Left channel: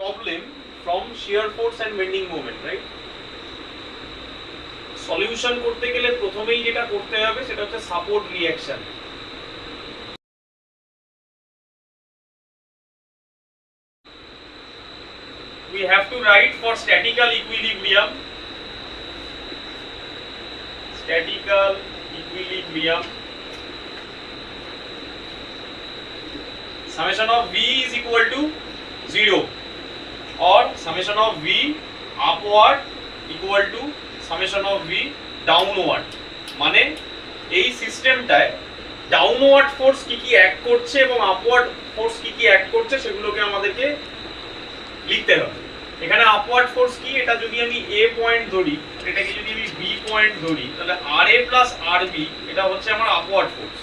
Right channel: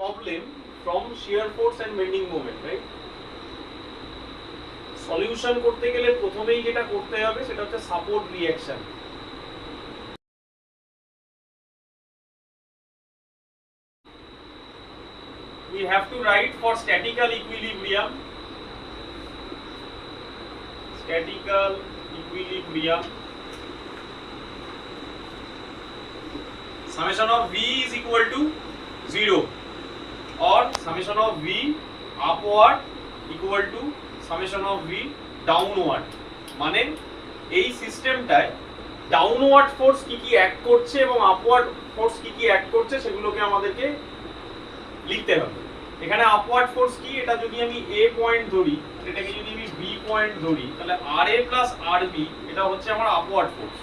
problem from shear force and bending moment, right? Solution করতে গেলে প্রথমেই যেটা করতে হবে সেটা হচ্ছে support reaction. We have to write for statical equilibrium. Statical equilibrium. Summation of V is equal to 0 or summation of V upward equal to summation of V downward. মানে এই সিস্টেমটায় ডাউনওয়ার্ড ফোর্স কি কি অ্যাক্ট করছে এবং আপওয়ার্ড ফোর্স কি কি অ্যাক্ট করছে সেগুলোকে আমাদেরকে লিখতে হবে। এখানে আপওয়ার্ড ফোর্স কি, এটা যদি আমি এ পয়েন্ট ধরি, এটাকে যদি আমি বি পয়েন্ট ধরি, তাহলে আর এ প্লাস আর বি এটা হচ্ছে আমার আপওয়ার্ড ফোর্স।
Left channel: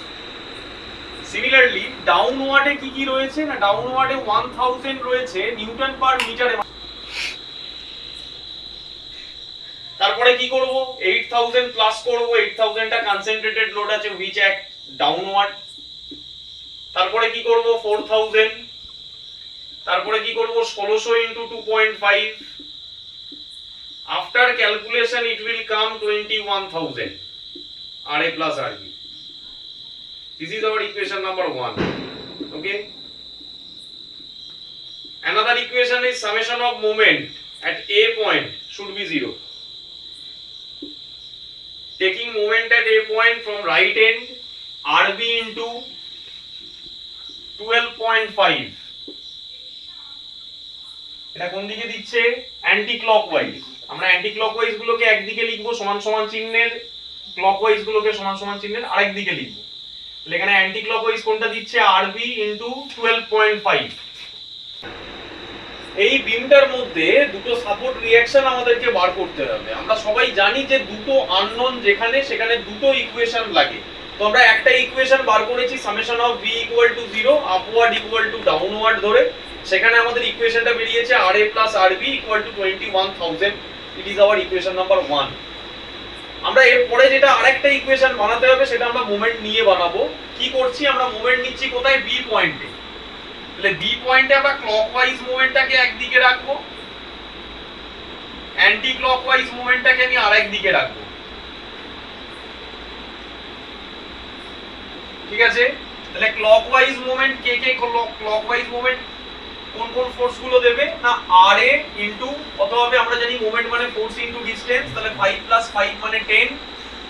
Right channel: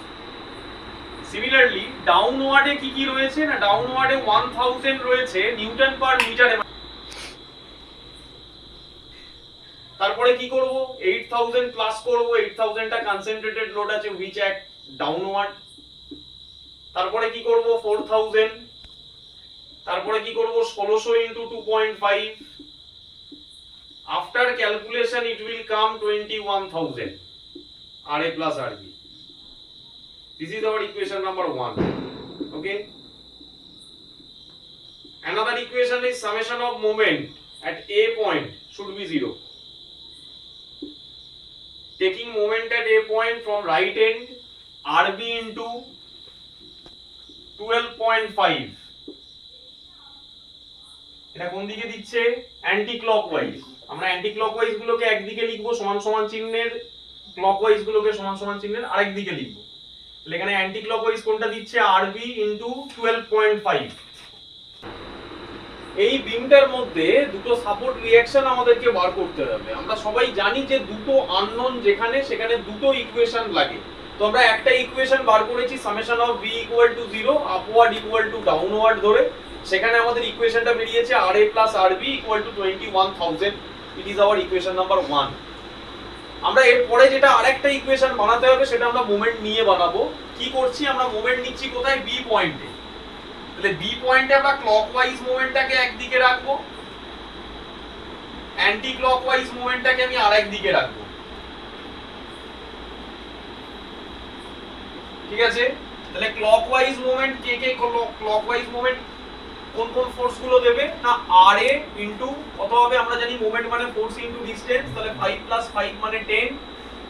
সিমিলারলি ডাউনওয়ার্ডে কি কি রয়েছে না, ডাউনওয়ার্ডে 1000 রয়েছে নিউটন পার মিটারে। তারপরে কি করব, 8000 প্লাস করব, 8000 টা কনসেন্ট্রেটেড লোড আছে হুইচ অ্যাক্ট ডাউনওয়ার্ড। তারপরে কি করব 4000, তারপরে কি করব 1600 into 2.5, after calculation it will come 21000 RA plus RB. This is our equation number 1. Okay, another equation is summation of moment at A point should be 0. Taking moment at A point from right end, RB into 12.5. এটা কোন দিকে দিচ্ছে, anti clockwise. আমরা anti clockwise গুলোকে একদিকে লিখবো সমান সমান চিহ্নের, ক্লকওয়াইজ গুলোকে সমান সমান চিহ্নের আরেক দিকে লিখবো। তাহলে এখানে অ্যান্টি ক্লকওয়াইজ কোনটা দিচ্ছে, RB into 12.5। এই বিমটার মধ্যে দুটো সাপোর্ট রিঅ্যাকশন আমাদেরকে বার করতে হবে। আমরা সবাই জানি যে দুটো আননোন যেখানে সেখানে দুটো ইকুয়েশন লাগে। তো আমরা একটা ইকুয়েশন বার করেছি summation of V equal to 0 upward equal to downward ধরে। সেখানে আমাদের ইকুয়েশনটা বেরিয়েছে RA plus RB equal to 21000। It is our equation number 1। আমরা এরপরে যেটা আরেকটা ইকুয়েশন বানাতে হবে সেটা আমরা মোমেন্ট নিয়ে বানাবো। কি করছি, আমরা মোমেন্ট নিচ্ছি কোথায়, বি পয়েন্টে। তাহলে বি পয়েন্টে আমরা ক্লকওয়াইজ মোমেন্টটাকে একদিকে রাখবো, অ্যান্টি ক্লকওয়াইজ মোমেন্টটাকে আমি আরেক দিকে রাখবো। ঠিক আছে, তাহলে ক্লকওয়াইজ মোমেন্ট কে কে, ক্লকওয়াইজ মোমেন্ট কোন কোন ফোর্স গুলো দেবে না, RA ইনটু, অথবা আমরা জানি মোমেন্ট মানে ফোর্স ইনটু ডিসটেন্স। তাহলে 5 প্লাস 5 মানে 10,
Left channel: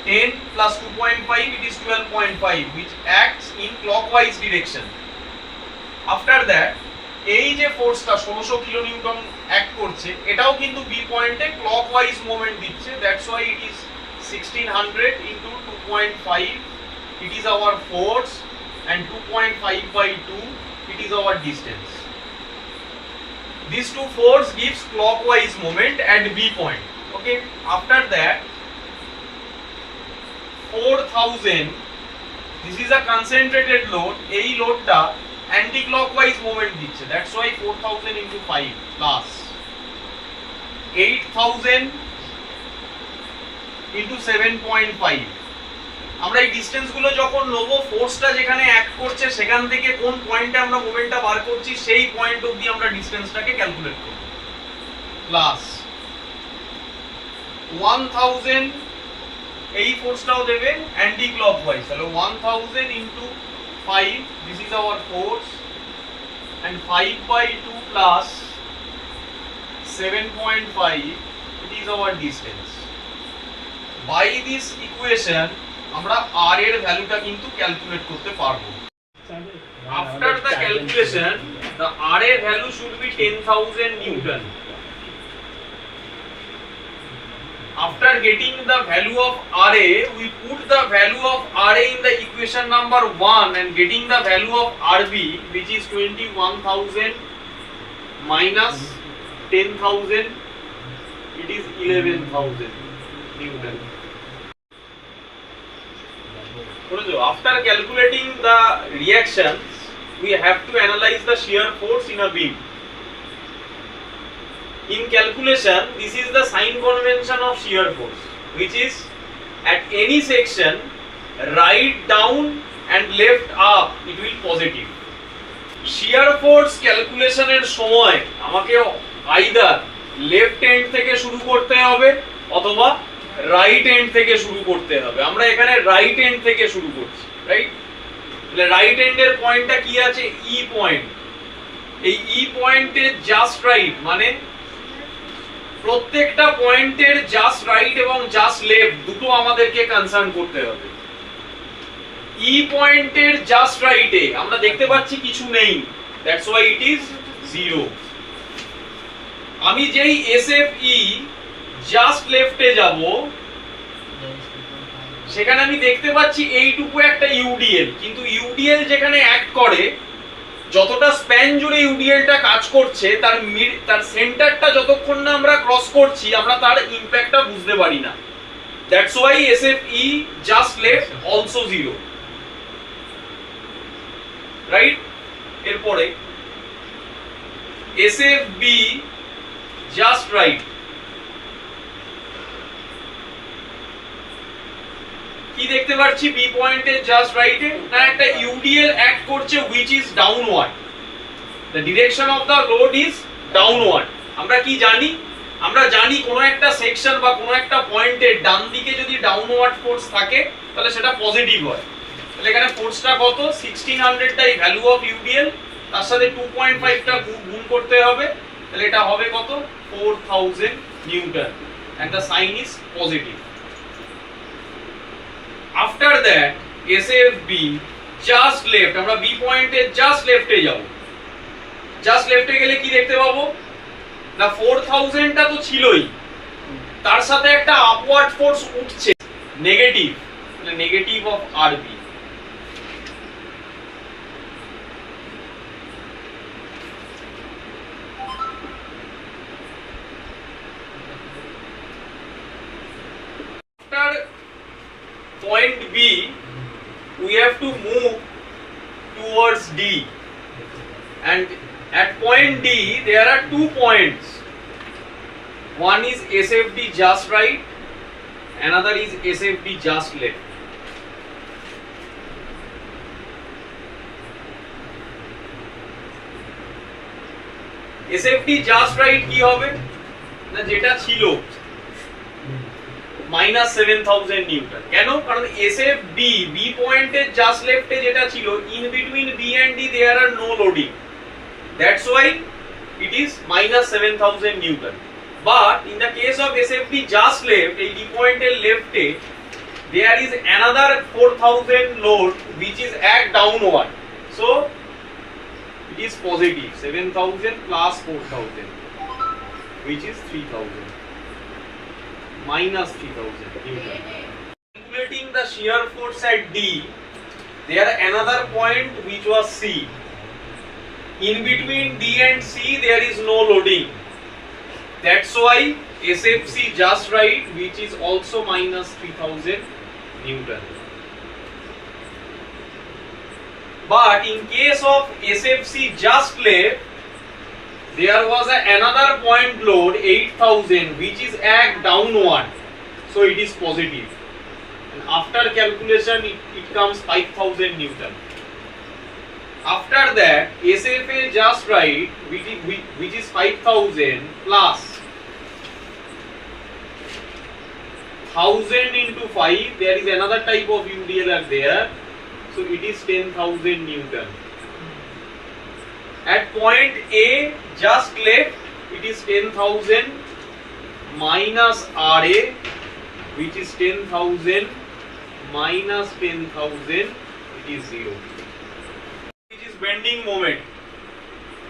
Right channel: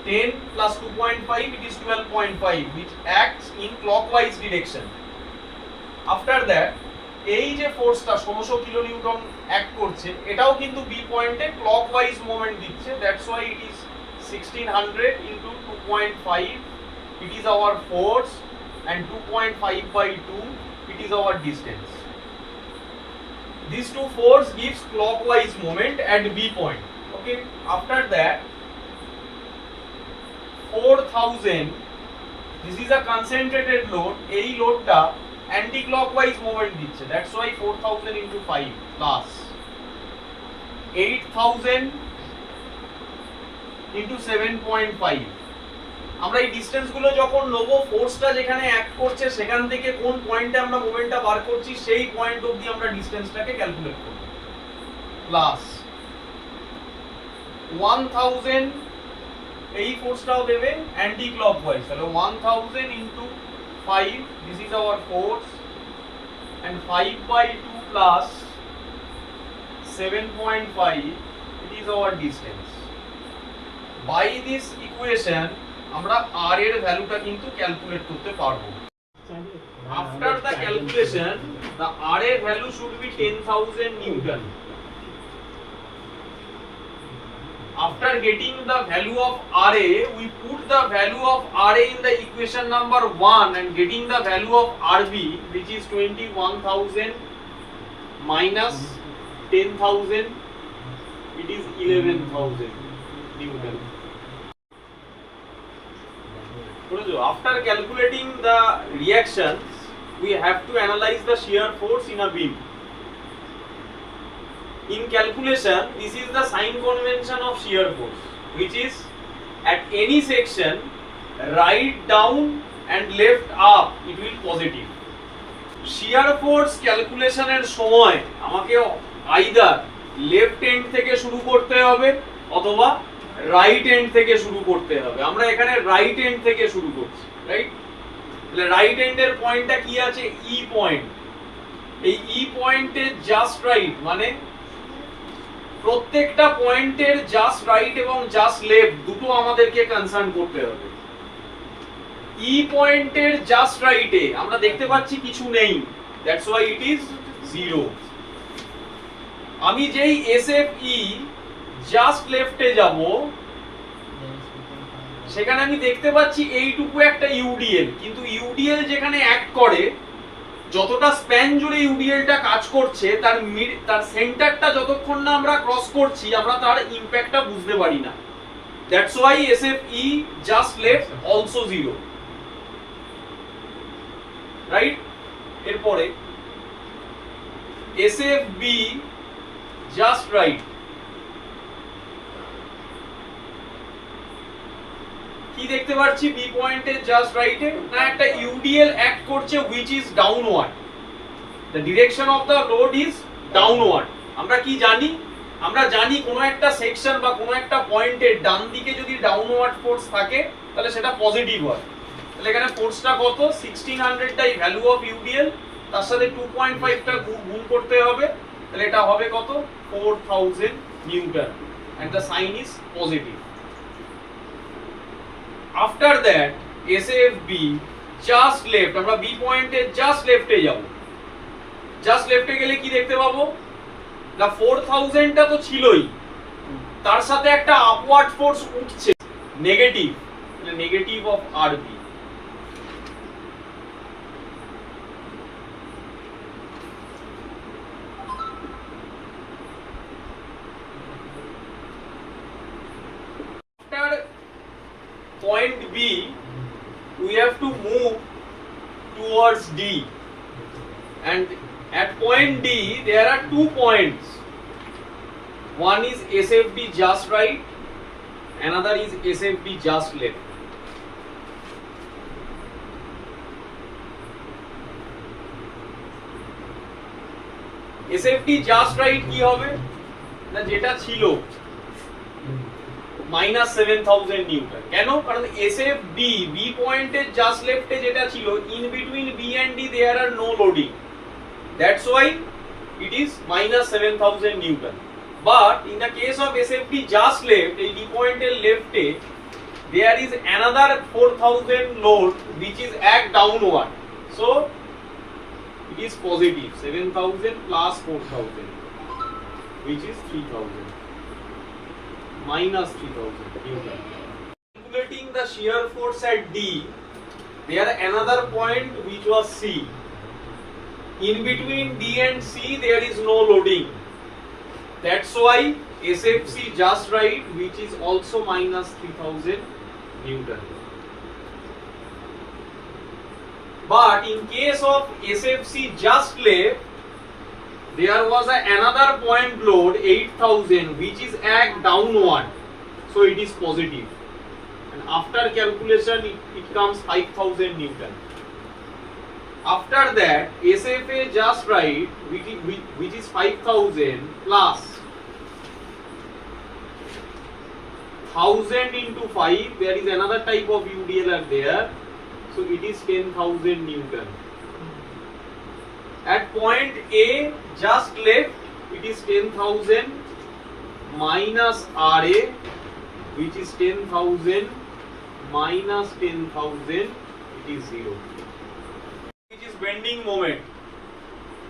10 প্লাস 2.5 it is 12.5 which acts in clockwise direction. After that এই যে ফোর্সটা 1600 কিলো নিউটন অ্যাক্ট করছে, এটাও কিন্তু বি পয়েন্টে ক্লকওয়াইজ মোমেন্ট দিচ্ছে। That's why it is 1600 into 2.5 it is our force and 2.5 by 2 it is our distance. These two force gives clockwise moment at B point. Okay, after that 4000, this is a concentrated load. এই লোডটা anti clockwise moment দিচ্ছে, that's why 4000 into 5 plus 8000 into 7.5. আমরা এই ডিসটেন্স গুলো যখন নেব, ফোর্সটা যেখানে অ্যাক্ট করছে সেখান থেকে কোন পয়েন্টে আমরা মোমেন্টটা বার করছি সেই পয়েন্ট অবধি আমরা ডিসটেন্সটাকে ক্যালকুলেট করব। প্লাস 1000 এই ফোর্সটাও দেবে অ্যান্টি ক্লকওয়াইজ। তাহলে 1000 into 5 this is our force and 5 by 2 plus 7.5 it is our distance. By this equation আমরা R এর ভ্যালুটা কিন্তু ক্যালকুলেট করতে পারবো। After the calculation the RA value should be 10,000 Newton. After getting the value of RA, we put the value of RA in the equation number 1 and getting the value of RB which is 21,000 minus 10,000 it is 11,000 Newton. After calculating the reactions, we have to analyze the shear force in a beam. In calculation, this is the sign convention of shear force, which is at any section, right down and left up, it will positive. Shear force ক্যালকুলেশনের সময় আমাকে either left and থেকে শুরু করতে হবে অথবা right and থেকে শুরু করতে হবে। আমরা এখানে রাইট এন্ড থেকে শুরু করছি, রাইট? তাহলে রাইট এন্ডের পয়েন্টটা কি আছে? ই পয়েন্ট। এই ই পয়েন্টের জাস্ট রাইট মানে প্রত্যেকটা পয়েন্টের জাস্ট রাইট এবং জাস্ট লেফট দুটো আমাদেরকে কনসার্ন করতে হবে। ই পয়েন্টের জাস্ট রাইটে আমরা দেখতে পাচ্ছি কিছু নেই, দ্যাটস ওয়াই ইট ইজ 0। আমি যেই এসএফই জাস্ট লেফটে যাব সেখানে আমি দেখতে পাচ্ছি এইটুকু একটা ইউডিএল, কিন্তু ইউডিএল যেখানে অ্যাক্ট করে যতটা স্প্যান জুড়ে ইউডিএলটা কাজ করছে তার সেন্টারটা যতক্ষণ না আমরা ক্রস করছি আমরা তার ইমপ্যাক্টটা বুঝতে পারি না। That's why SFE just left also 0, right? এরপরে এসএফবি জাস্ট রাইট, কি দেখতে পাচ্ছি বি পয়েন্টের জাস্ট রাইটে? না, একটা ইউডিএল অ্যাক্ট করছে which is downward, the direction of the load is downward। আমরা কি জানি? আমরা জানি কোনো একটা সেকশন বা কোনো একটা পয়েন্টের ডান দিকে যদি ডাউনওয়ার্ড ফোর্স থাকে তাহলে সেটা পজিটিভ হয়। তাহলে এখানে ফোর্সটা কত? 1600 টাই ভ্যালু অফ ইউডিএল, তার সাথে 2.5 টা গুণ করতে হবে, তাহলে এটা হবে কত? 4000 Newton, and the sign is positive। After that SFB just left, আমরা B পয়েন্টে জাস্ট লেফটে যাব। জাস্ট লেফটে গেলে কি দেখতে পাবো? না, 4000 টা তো ছিলই, তার সাথে একটা আপওয়ার্ড ফোর্স উঠছে নেগেটিভ, তাহলে নেগেটিভ অফ আরবি। After point B we have to move towards D, and at point D there are 2 points. One is SFD just right, another is SFD just left। SFD just right কি হবে? না, যেটা ছিল -7000 নিউটন। কেন? কারণ SFB B পয়েন্টের জাস্ট লেফটে যেটা ছিল, in between B and D there are no loading, that's why it is -7000 Newton. But in the case of SFB just left, এই D পয়েন্টের লেফটে there is another 4000 load which is act downward, so it is positive, 7000 plus 4000 which is 3000 minus 3000 Newton। Calculating the shear force at D, there another point which was C. In between D and C there is no loading, that's why SFC just right which is also minus 3000 Newton। But in case of SFC just left there was another point load 8000 which is act downward, so it is positive, and after calculation it comes 5000 Newton। After that SFA just right which is 5000 plus 1000 into 5, there is another type of UDL are there, so it is 10,000 Newton। At point A just left it is 10,000 minus RA which is 10,000 minus 10,000, it is 0, which is bending moment,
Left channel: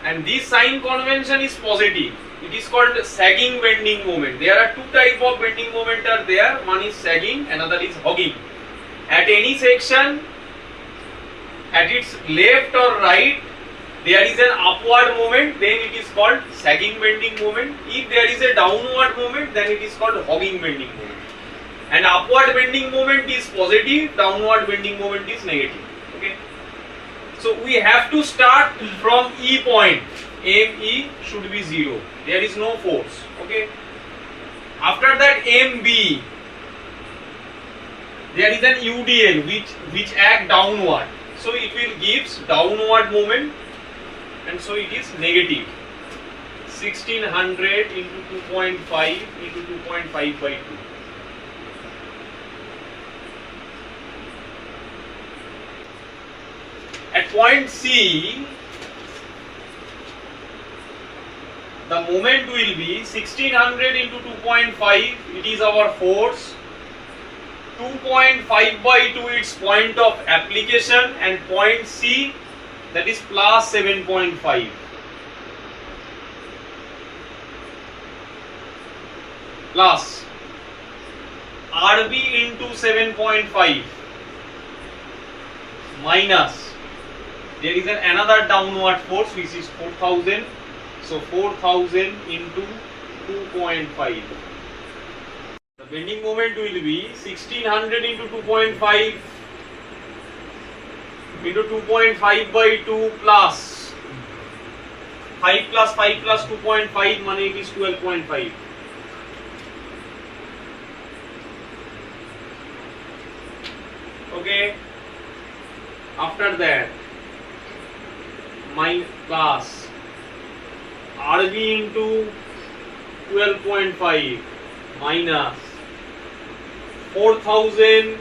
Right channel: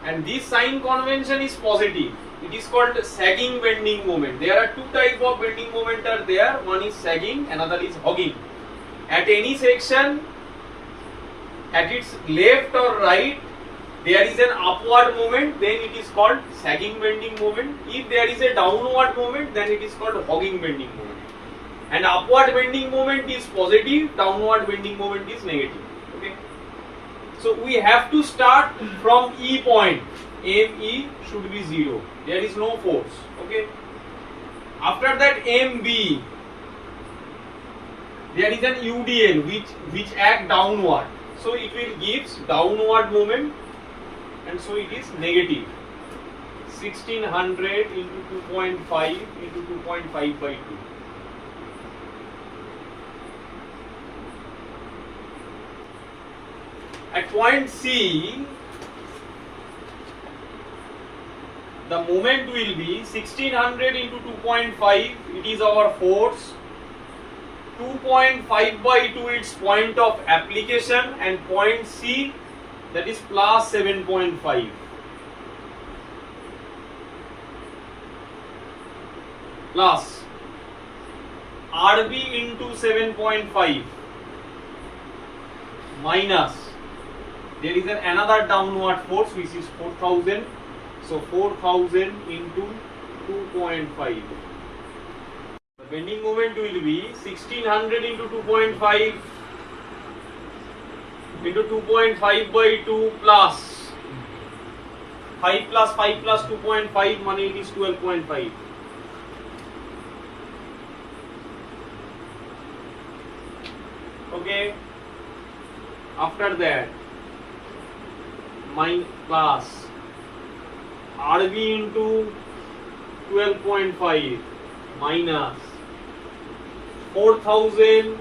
and this sign convention is positive, it is called sagging bending moment। There are 2 types of bending moment are there, one is sagging, another is hogging। At any section at its left or right there is an upward movement, then it is called sagging bending moment। If there is a downward movement then it is called hogging bending moment, and upward bending moment is positive, downward bending moment is negative, okay? So we have to start from E point, ME should be 0, there is no force, okay? After that MB there is an UDL which act downward, so it will gives downward moment, and so it is negative 1600 into 2.5 into 2.5 by 2. At point C, the moment will be 1600 into 2.5, it is our force. 2.5 by 2 its point of application, and point C, that is plus 7.5. Plus RB into 7.5 minus, there is another downward force which is 4000, so 4000 into 2.5. The bending moment will be 1600 into 2.5 into 2.5 by 2 plus 5 plus 5 plus 2.5, money it is 12.5. Okay, after that plus RB into 12.5 minus 4000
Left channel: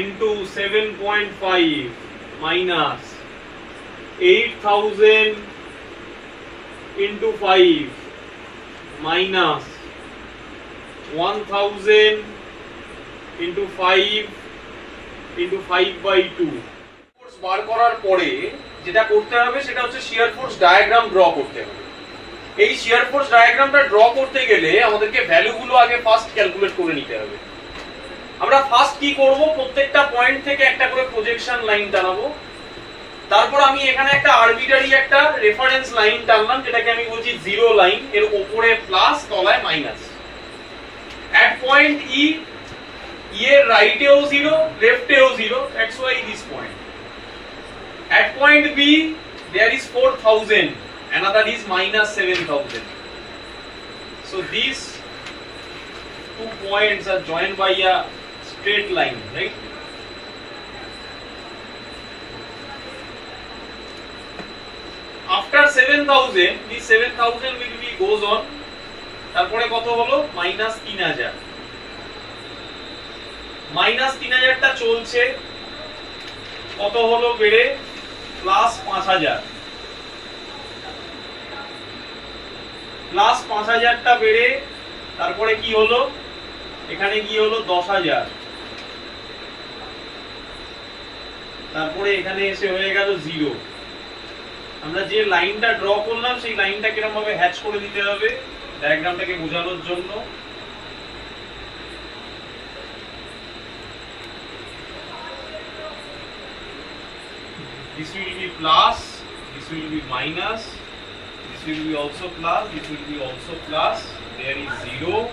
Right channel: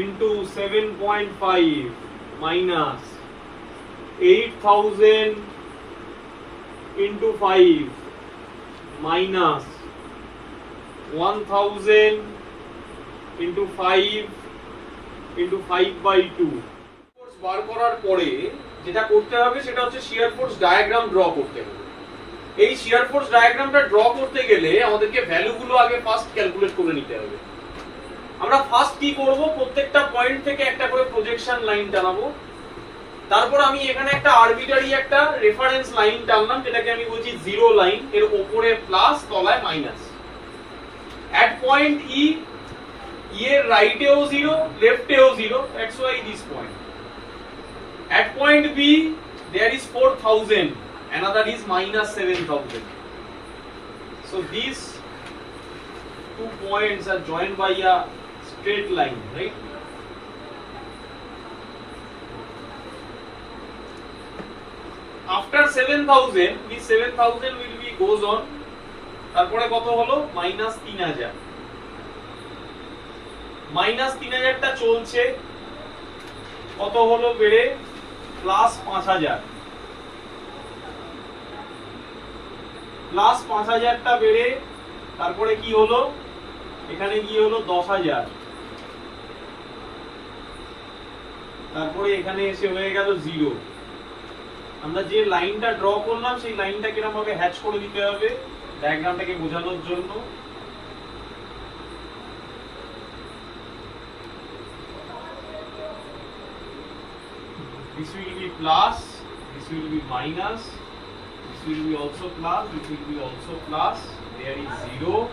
into 7.5 minus 8000 into 5 minus 1000 into 5 into 5 by 2. বার করার পরে যেটা করতে হবে সেটা হচ্ছে shear force diagram draw করতে হবে। এই শিয়ার ফোর্স ডায়াগ্রামটা ড্র করতে গেলে আমাদেরকে ভ্যালুগুলো আগে ফার্স্ট ক্যালকুলেট করে নিতে হবে। আমরা ফার্স্ট কি করব, প্রত্যেকটা পয়েন্ট থেকে একটা করে প্রজেকশন লাইন টানাবো। তারপর আমি এখানে একটা আরবিটারি একটা রেফারেন্স লাইন টানলাম, যেটাকে আমি বলছি জিরো লাইন, এর উপরে প্লাস তলায় মাইনাস। এট পয়েন্ট ই, এর রাইটেও 0 লেফটেও 0, that's why this point. At point B, there is 4000, another is minus 7000. So these two points are joined by a straight line, right? After 7000, this 7000 will be goes on. তারপরে কত হলো? minus 3000. minus 3000 টা চলছে, কত হলো বেড়ে? প্লাস 5000, প্লাস 5000 টা বেড়ে তারপরে কি হলো? এখানে কি হলো? 10000, তারপরে এখানে এসে হয়ে গেল 0। আমরা যে লাইনটা ড্র করলাম সেই লাইনটা কিরকম ভাবে হ্যাচ করে দিতে হবে ডায়াগ্রামটাকে বোঝানোর জন্য। This will be plus, this will be minus, this will be also plus, this will be also plus. There is 0,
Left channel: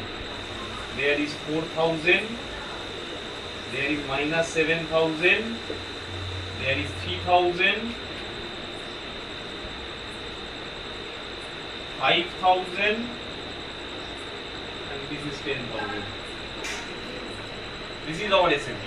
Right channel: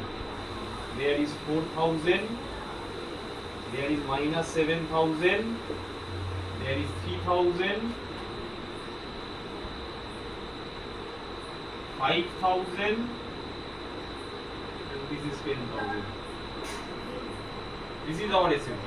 there is 4000, there is minus 7000, there is 3000, 5000, and this is 10,000. This is our SMT.